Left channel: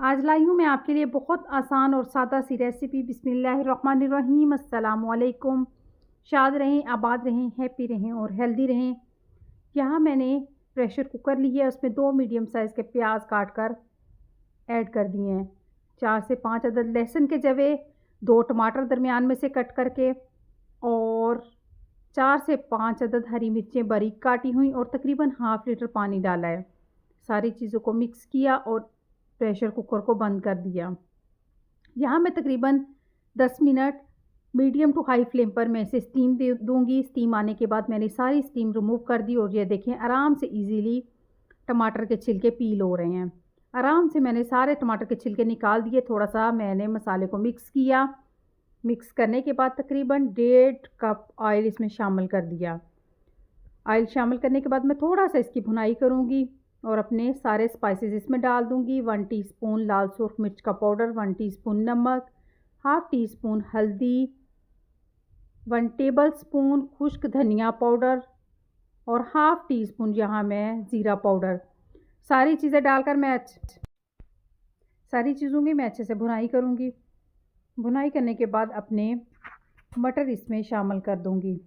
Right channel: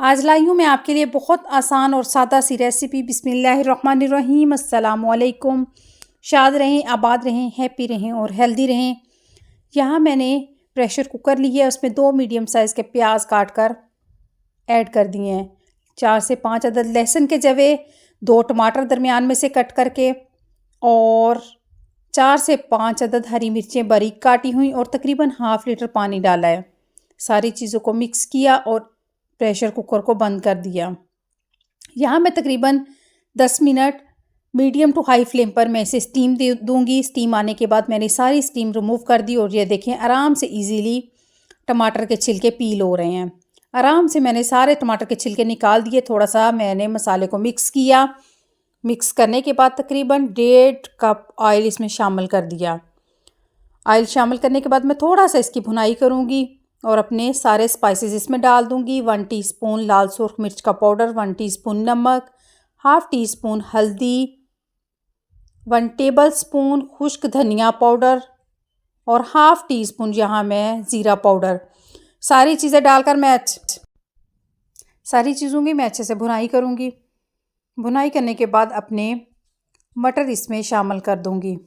आज लाई हूँ मैं आपके लिए बहुत आसान और सादा सी रेसिपी। बिस्मिल्लाहिर्रहमानिर्रहीम। अस्सलाम वालेकुम। शाद रहें, आबाद रहें, हैप्पी रहें और हेल्दी रहें। यहाँ मैंने प्रेशर कुकर लिया है, उसमें 2 मीडियम साइज़ के प्याज काट कर ऐड कर दिए हैं। 4 से 5 अदद लहसुन के जवे, 2 टमाटर दरमियान में से कट करके और 4 से 5 अदद हरी मिर्चें बारीक काटी हुई और तकरीबन हाफ़ लीटर पानी डाला है। सारी चीज़ों को मिक्स किया और प्रेशर कुकर को बंद कर दिया। यहाँ मैं तकरीबन 10 minute medium to high flame पर मैं इसे स्टीम दे दूँगी। स्टीम आने के बाद मैंने सारी स्टीम रिमूव कर दी और ये देखें आराम से इजीली टमाटर के छिलके पील हो रहे हैं। आराम से मैंने सारे टमाटर के छिलके निकाल दिए। थोड़ा सा मैंने मसाले को मिक्स किया। मिक्स करने के बाद तकरीबन 1.5 कप ऑयल इसमें शामिल कर दिया। ऑयल शामिल करने के बाद मैं थोड़ा सा इसकी भुनाई करूँगी और अपने सारे स्पाइसेस इसमें डाल दूँगी। 1 टीस्पून लाल सुर्ख मिर्च का पाउडर, 1 टीस्पून नमक, हाफ़ टी स्पून हल्दी, 1 टेबल स्पून खुश्क धनिया पाउडर और हाफ़ टी स्पून यहाँ मैं ज़ीरा पाउडर। सारी चीज़ें डालकर सारी चीज़ों की मैं अच्छे से भुनाई करूँगी। भुनाई करने के बाद अपने मटर इसमें शामिल कर दूँगी।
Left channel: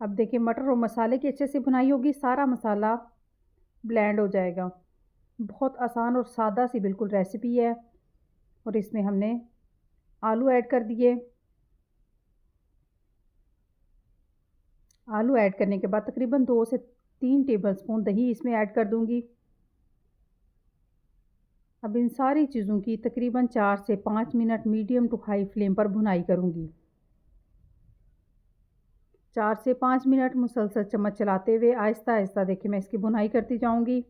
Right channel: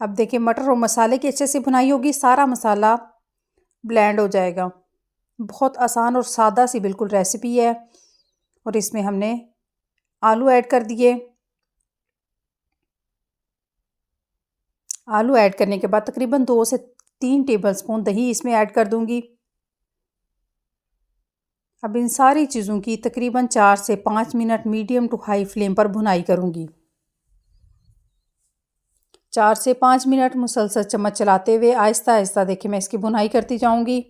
अब देखिए मटर और मसाले की अच्छे से भुनाई होगी, सारा मसाला ब्लेंड हो जाएगा। बहुत आसान और सादा सी बिल्कुल रेसिपी है। और इसमें हमने आलू ऐड कर दिए। आलू ऐड करने के बाद तकरीबन 2 से 3 टेबलस्पून दही इसमें ऐड कर दूंगी। अब इन सारी चीज़ों की तकरीबन 4 से 5 minute medium to high flame पर भुनाई करूंगी। 4 से 5 मिनट मुसलसल चम्मच चलाते हुए आहिस्ता आहिस्ता देखिए मैं इसकी भुनाई करती जाऊंगी।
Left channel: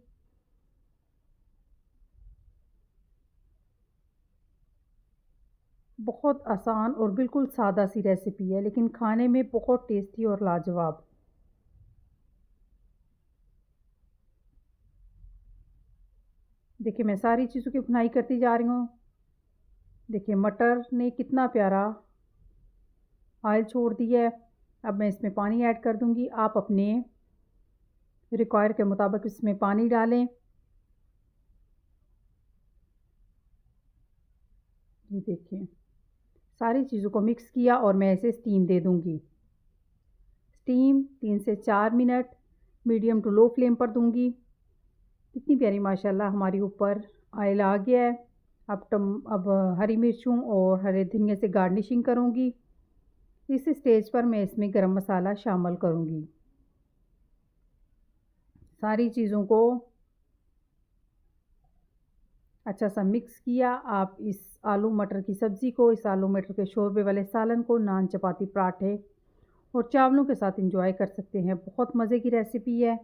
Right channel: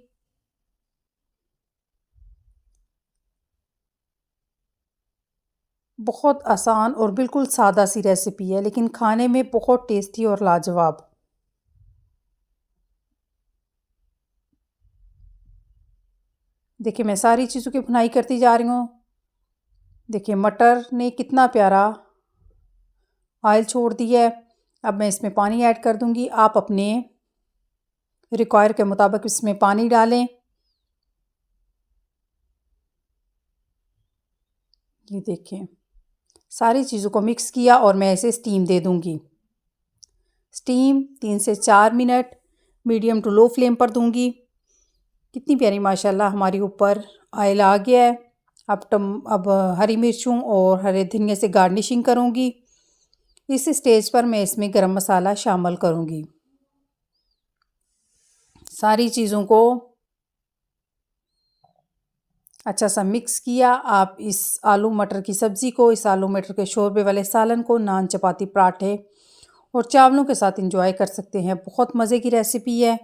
बहुत आसान और बिल्कुल सादा सी रेसिपी है, लेकिन खाने में बहुत टेस्टी और लाजवाब। देखिए मैं सारी चीज़ों की भुनाई करती जा रही हूँ। देखिए मटर ने कितना प्यारा ऑयल छोड़ दिया है। अब मैं इसमें पानी ऐड कर दूंगी। आप अपने रिक्वायर के मुताबिक इसमें पानी डालें। ये देखें सारी चीज़ों को मिक्स किया और मैं इसे स्टीम दे दूंगी। स्टीम 3 से 4 minute medium to low flame पर दूंगी। कितनी प्यारी माशाल्लाह हमारी ऊपर ऑयल आ गया है। अब हरी मिर्चों और हरे धनिया से गार्निशिंग करूंगी। इस स्टेज पर मैं इसमें गरम मसाला शामिल करूंगी। सारी चीज़ों को अच्छा सा मिक्स किया। आप इस आलू मटर की सब्ज़ी को, इस आलू मटर के शोरबे वाले सालन को नान, चपाती, पराठे और चावलों के साथ एंजॉय कर सकते हैं। बहुत मज़े की रेसिपी है।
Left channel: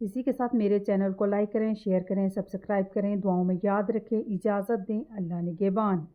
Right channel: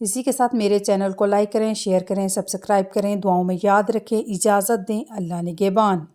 इसी के साथ मेरे चैनल को लाइक करें, शेयर करें, सब्सक्राइब करें। दुआओं में याद रखें। इजाज़त दें। अल्लाह निगहबान।